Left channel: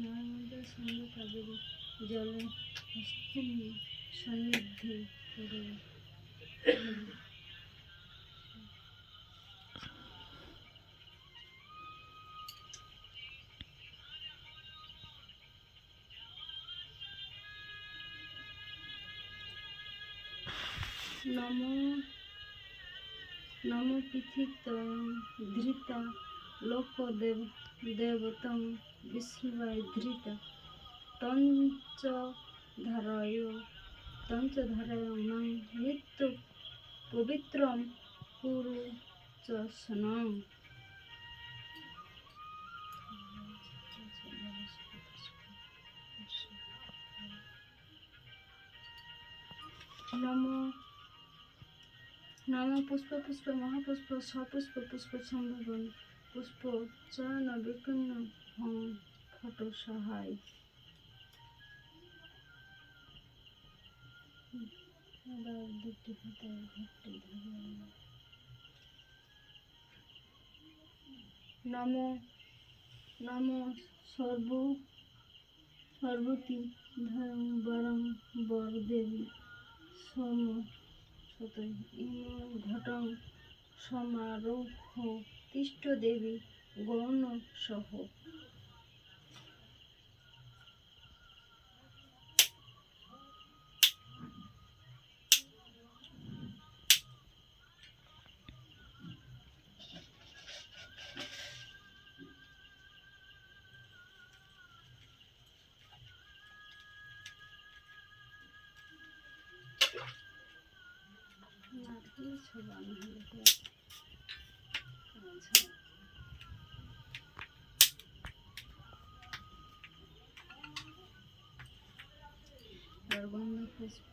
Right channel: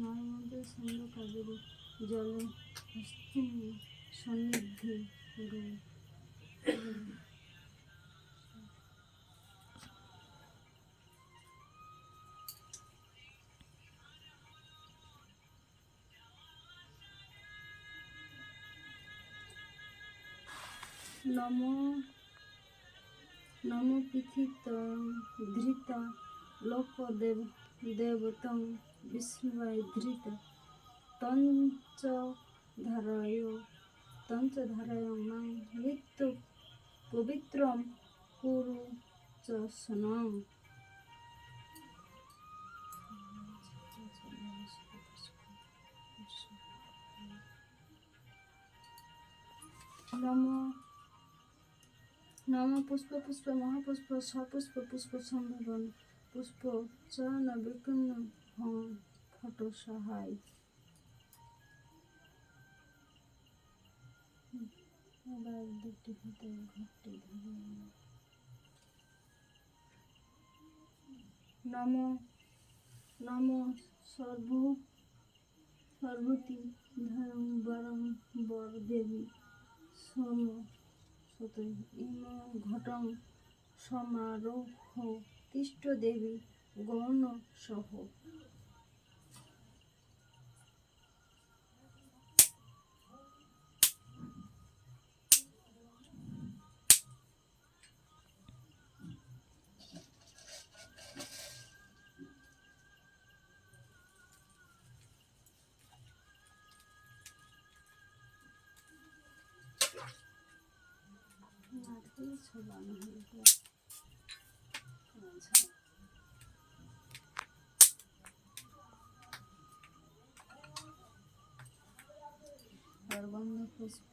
নর্মদা সিন্ধু কাবেরী জলে সন্নিধি করুন। নমো নমো পৃথিত ধৃতা লোকদেব দেবতং বিষ্ণুয় ধৃতা তঞ্চধারয় নং মৃত্যু পবিত্রম কুরু চ স্নান। নমো নমো পুষ্প পুষ্প মহাপুষ্প সপুষ্প পুষ্প সম্ভাবন পুষ্প চয়ন বিপন্ন হং ফট সহায়। আবার দুটি হাতে ঘরটি ধরে নমো নমো সর্বতি ধরং বরং বর দেবী সোম সুত ইম ঘটং সমারোহ তিষ্ঠ দেবী গৌণ সহ। আর গন্ধ পুষ্প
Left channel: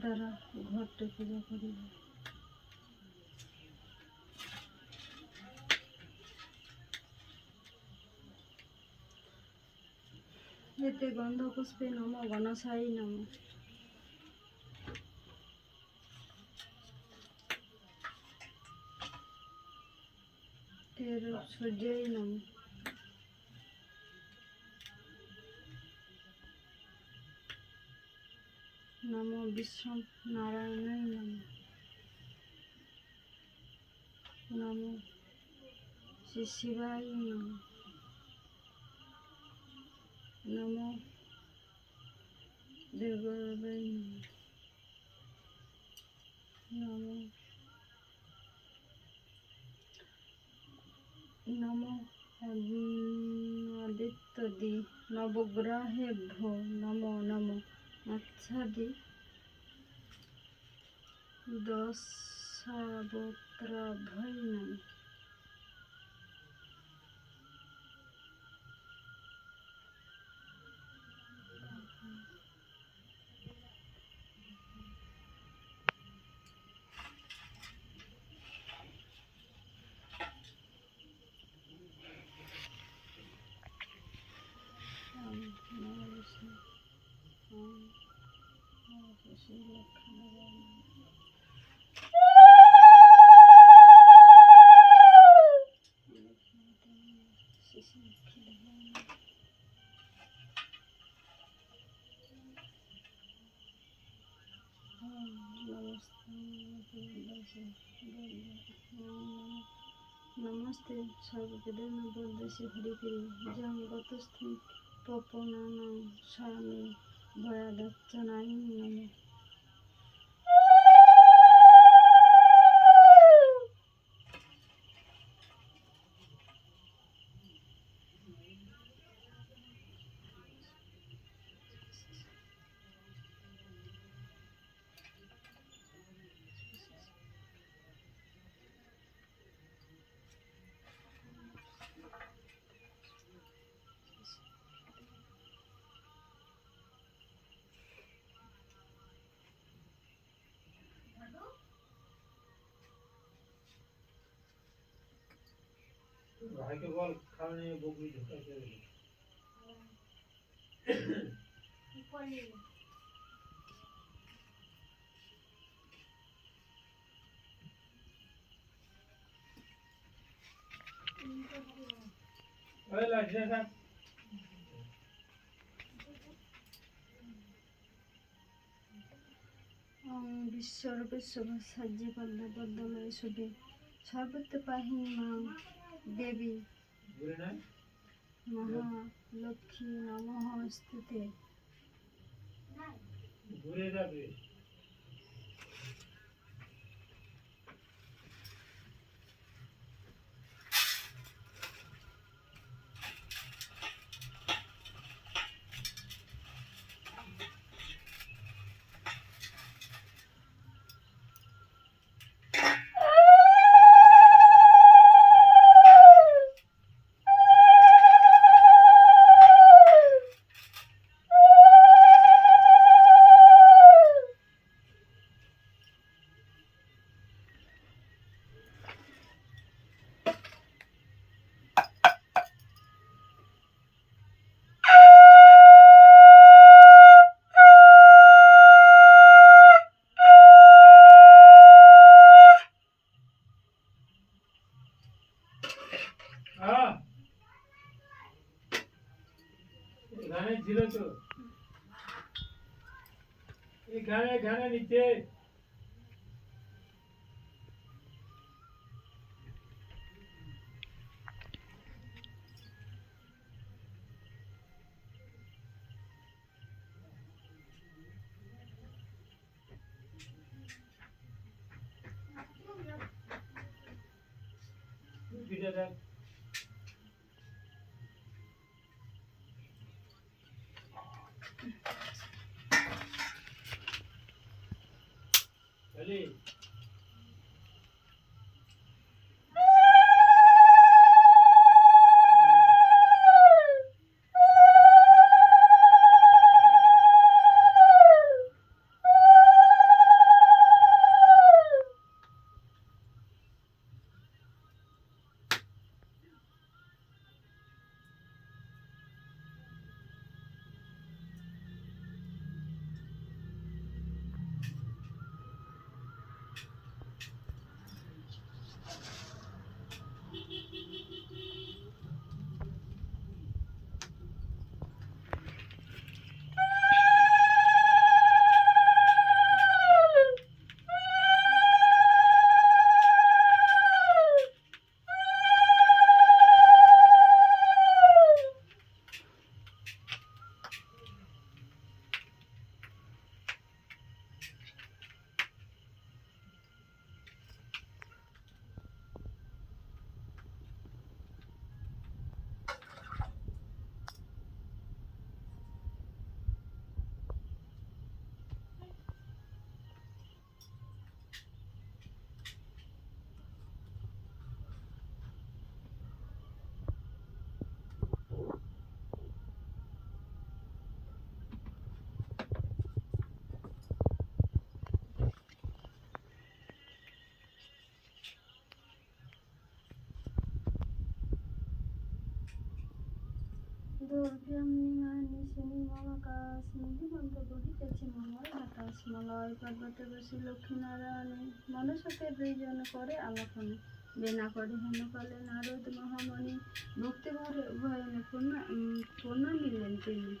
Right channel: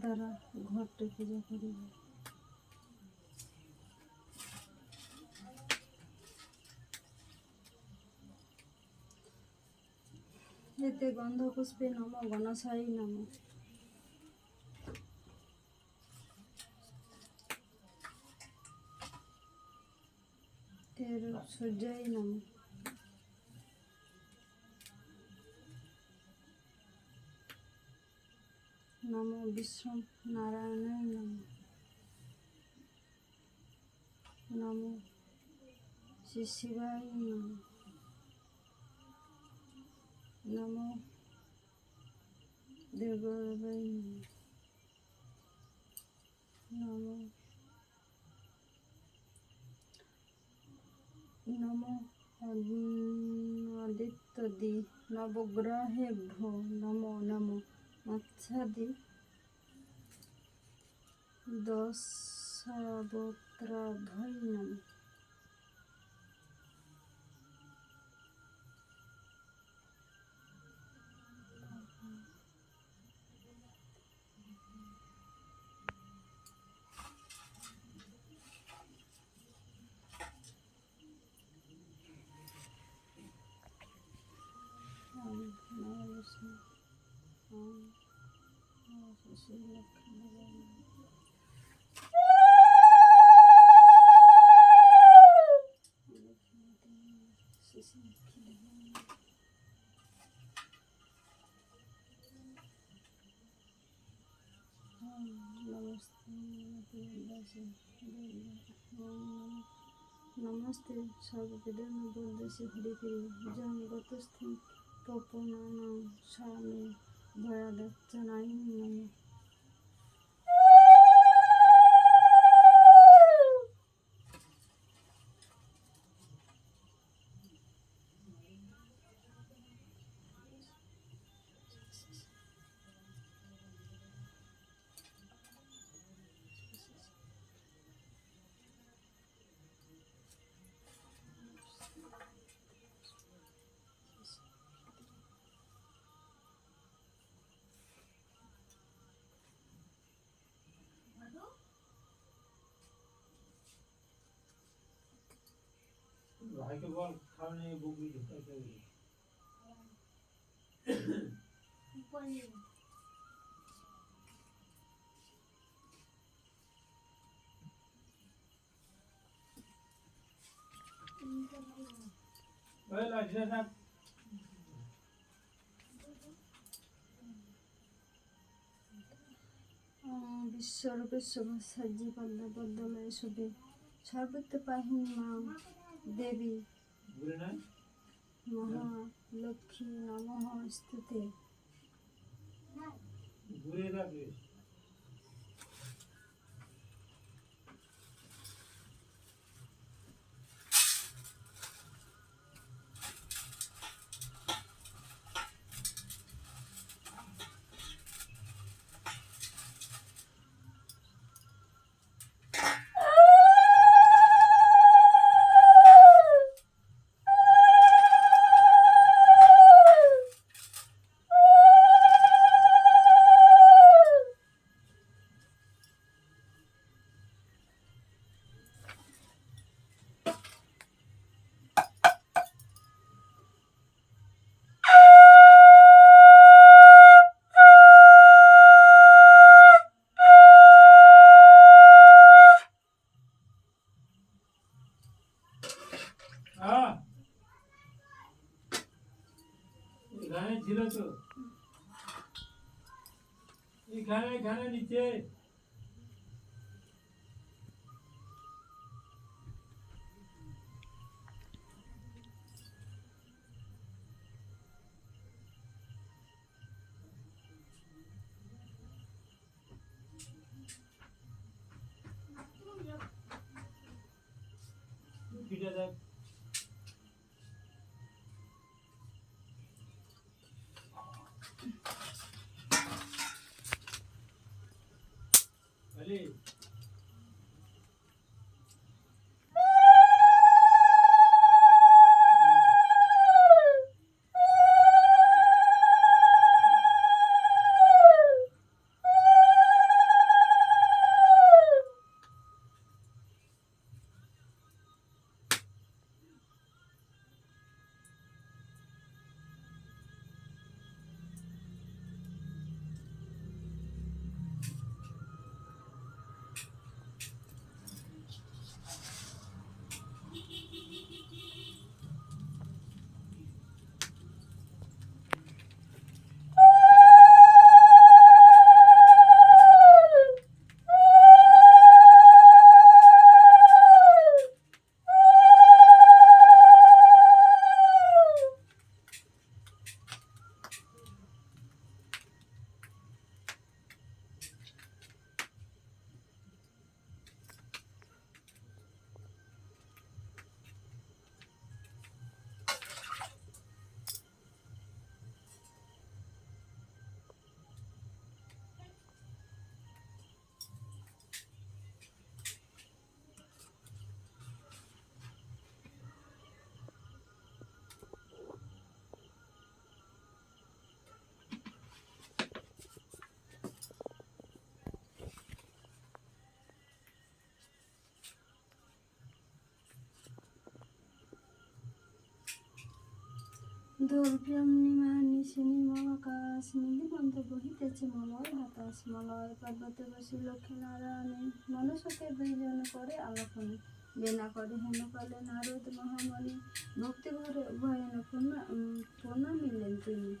দ্বারা ঘরটি পূজা করিব। এতে গন্ধ পুষ্পে নম গণসাই নম তের সূর্যই নম নম বিষ্ণু নারায়ণায় নম নম শ্রী শিবায় নম নম দেববায় নম নম আদিত্যদি নবগ্রহেভ্যো নমো নমো মৎস্যাদি দশাবতারাভ্যৈ নমঃ। नमस्ते सर्ववेदान्त हरिप्रिय जं गतस्थं पपनानां स्वामी भयादर्चनाय नमः। ভাইকে বল কারণে বকরি ঢুকাইতে ওই লাগছে বিশ্বরূপে শোভাসাজ্যে পদ্মা পদ্মলয়ে শোভে সর্বত্র পাহিনী মা দেবী ঘুরে নাই মহালক্ষ্মী নমঃ স্তুতে। ঘুরে যাবে। এখানে ছিল তো, এখানে নিচে। ভিডিও দেখ। খালি দুর্গমণিমা নিশিনী মহাকাশ নিধিবন্ধ বহিতেছে মলয় বাতাস মলয় পর্বতে বসে লক্ষ্মীনারায়ণে মনুষ্যকে দুইজন করে আলাপনে বিনা করে হেনকালে নারদ মহামণি ভক্তি ভয়নে পূর্ণ মিললেন তিনি।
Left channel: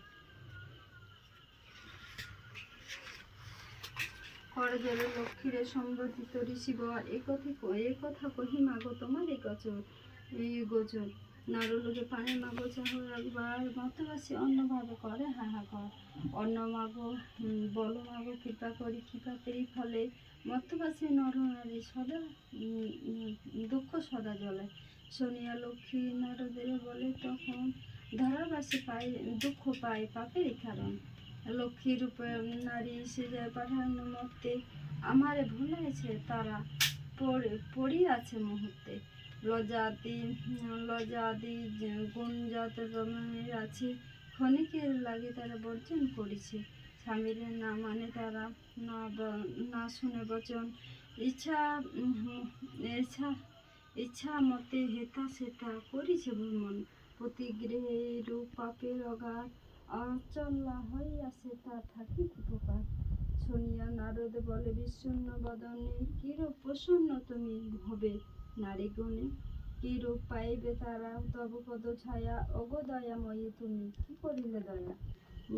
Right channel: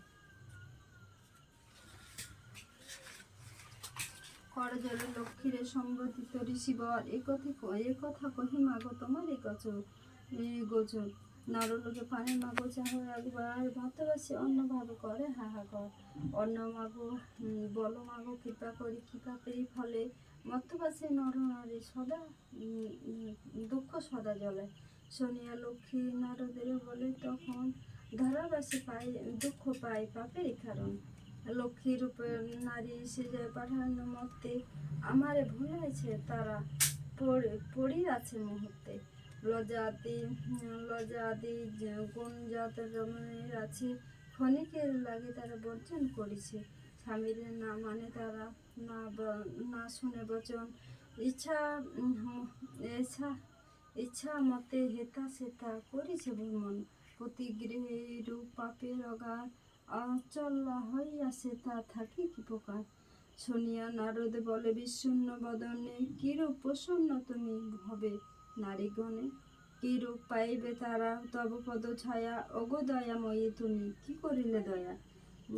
করজলে লক্ষ্মীরে সম্বোধিত ঋষিবর এ কথা কহি মাগো তোমার এই গোচর নারলোকে পানি মাগো চাহ একবার ভক্তবাসী অন্যভাবে করে হাহাকার অন্য মাগো বলো মাগো কৃপা করি কৃপা পেয়ে ফলে মর্তবাসী নর নারী সদা দুঃখ সদা জ্বলে শুনিয়া লক্ষ্মী নারদের বলে তখন ধরাবাসী পায় দুঃখ পায় পাপেরই কারণ লক্ষ্মী রূপে নারী সে যায় পাঠানো মর্তে আমারে ভুলাইছে তারা পড়ি আছে মুহূর্তে লজ্জাদি গুণজাত রমণের আছে ক্ষণিকের লাগে তারা বর্জন করেছে স্বামীর না মানে তারা না শুনে বচন ইচ্ছা মতে হেতা সেতা করেছে ভ্রমণ প্রতিগৃহে রূপ পাপের অগাধ অচল হইয়াছে তা থাকি কি প্রকার শুনিয়া নারদ বলে বিশূন্য বদনে কিরূপ প্রসন্ন তুমি হবে নারীগণে কি রূপ পাইবে তারা তব পদ ছায়া অগো দয়াময়ী তুমি কি করিলে দয়া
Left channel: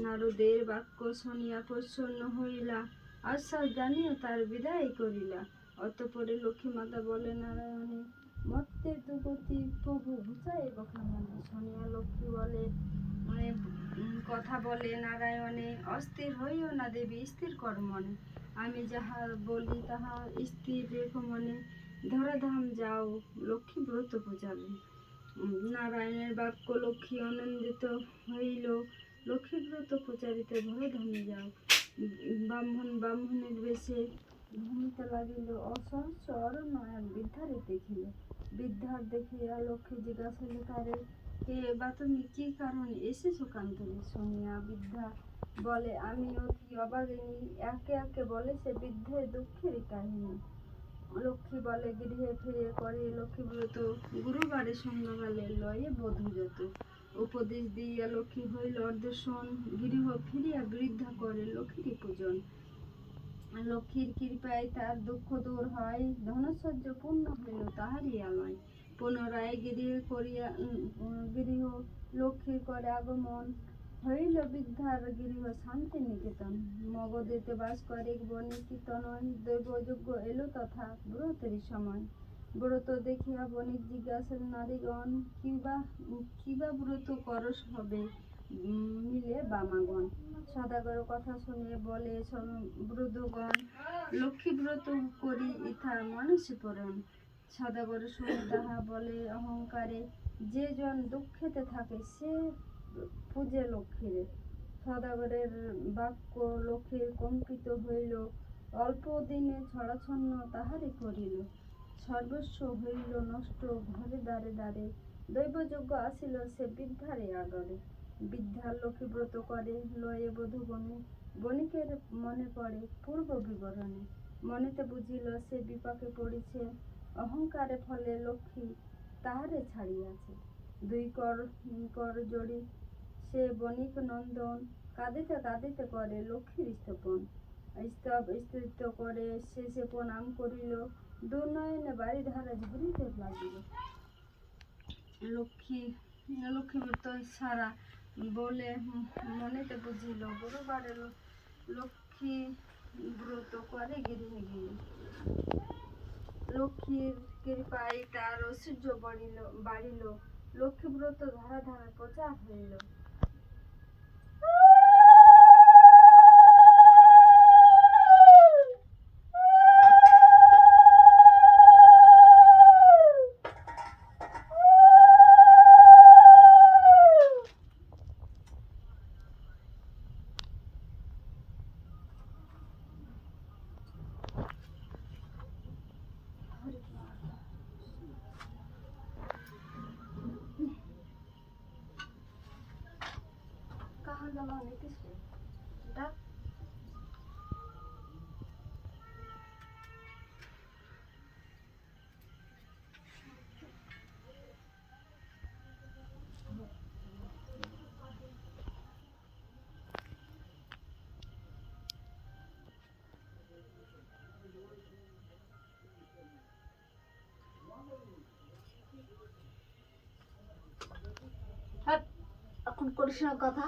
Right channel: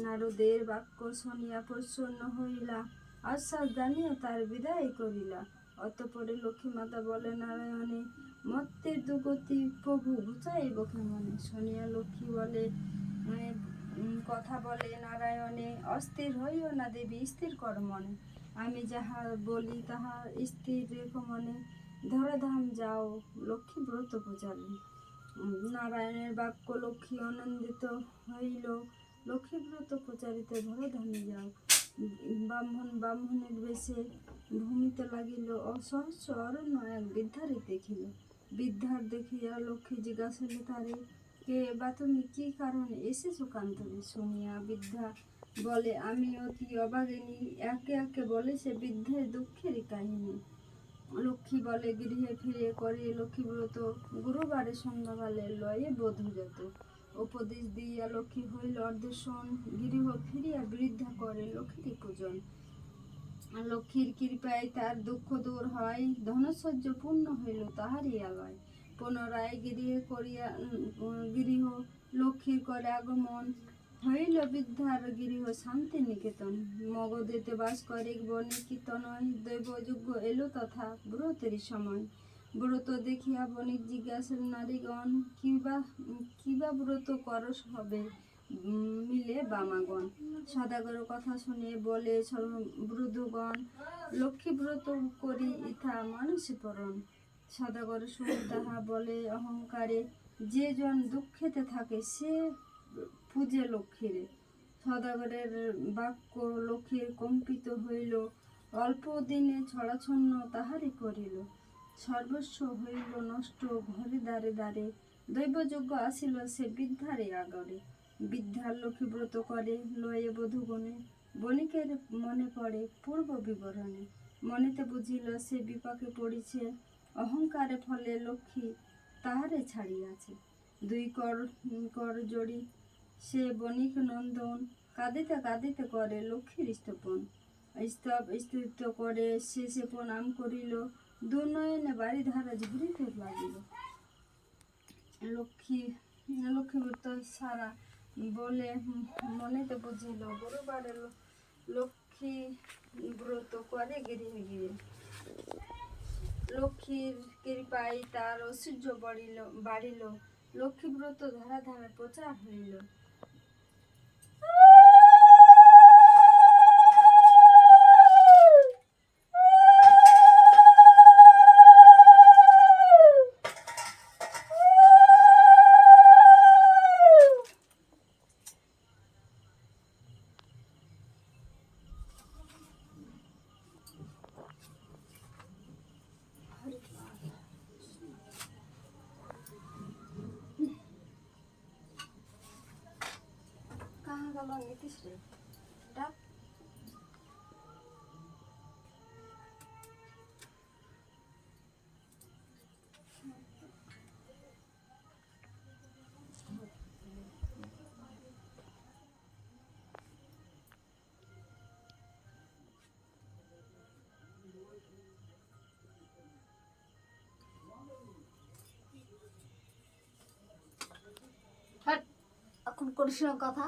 নারদের বাক্য শুনিয়া প্রসন্ন হইলা আশ্বাস জানিয়ে তার বিদায় করিলা। অতঃপরে লক্ষ্মী মাতা বলে নারায়ণে, মর্তের দুগতি প্রভু ঘুচাইব কেমনে। শুনিয়া লক্ষ্মী বলে কথা বলে নারায়ণে, অস্থির হইও না দেবী, স্থির কর মনে। আমি যাহা বলি তাহা স্থির রেখো মনে। ধরাধাম যাও লক্ষ্মী ব্রত পূজাবে। নারায়ণের বাক্য লক্ষ্মী আনন্দিত হইল। লক্ষ্মী ব্রত প্রচারিতে ধরাধামে যাও। ব্রাহ্মণের বেশে ভূমিতে লাগিল। অসহস্র অরণ্য এক বৃদ্ধারে দেখিল। বৃদ্ধার দেখিয়া লক্ষ্মী জিজ্ঞাসিল তারে, কে বা তুমি, কি কারণে এসেছো কান্তরে। শুনিয়া বৃদ্ধা বলে, আমি অতি অভাগিনী। একে একে বলে সে বৃদ্ধের দুঃখের কাহিনী। লক্ষ্মী বলে, গৃহে ফিরে করে লক্ষ্মী ব্রত, গুরুবারে সন্ধ্যাকালে লয়ে বধূ যত। উপদেশ দিয়া লক্ষ্মী হইল অর্ধশন, গৃহ ফিরিয়া বৃদ্ধা করে লক্ষ্মীর পূজন। লক্ষ্মীর কৃপায় তার দুঃখ দূর হয়, ধনসহ্য পূর্ণ হইল তাহারই আলয়। পুনরায় গৃহ লক্ষ্মীর করে আগমন, হইল বৃদ্ধার গৃহ শান্তি নিকেতন। মগধেতে বাস করে বণিক তনয়, দৈবযজ্ঞ এলো তথা ব্রতেরই সময়। ব্রত দেখিয়া বণিক জিজ্ঞাসেন নারীগণ, কিবা ব্রত করস হবে মিলে বামাগণ। সদাগর কথা শুনে বলে বৃদ্ধগণ, লক্ষ্মী ব্রত করি ইথা মানুষে পরণ। সদাগর শুনে তাহা বলে অহংকারে, যে জন দুঃখেতে থাকে সে পূজে লক্ষ্মীরে। সদাগরের বাক্য লক্ষ্মীর কম্পিত হইল, অল্প দিনে ছড়াছন্ন তাহারে করিল। সর্বস্ব হইল নষ্ট ঘরে দ্বারে দ্বারে, দৈবযজ্ঞ আসিল সে বৃদ্ধারে আগরে। বৃদ্ধার লক্ষ্মী ব্রত করে লয়ে বধূগণে, বণিকের মনে পড়ে পূর্ব বিবরণে। মনেতে বুঝিল সে বিপাকে পড়িছে, অহংকারে ফলে লক্ষ্মী তাহারে ছাড়িয়াছে। দুই কর জড়ি সে বণিক নন্দন, কাঁদিতে কাঁদিতে করে লক্ষ্মীর স্তব করে শেষে প্রণাম করিল, দুনয়নে বাড়ি ধারা ঝরিতে লাগিল। লক্ষ্মী ব্রত সারা বলে মনেতে বুঝিল, গুরুবারে লক্ষ্মী ব্রত করে গৃহে গিয়ে। লক্ষ্মীর কৃপায় তার ঐশ্বর্য বাড়িল, লক্ষ্মী ব্রত ধরাধামে প্রচার হইল। कहाँ गला नीतीश रे डाक এখন করিস না কথা।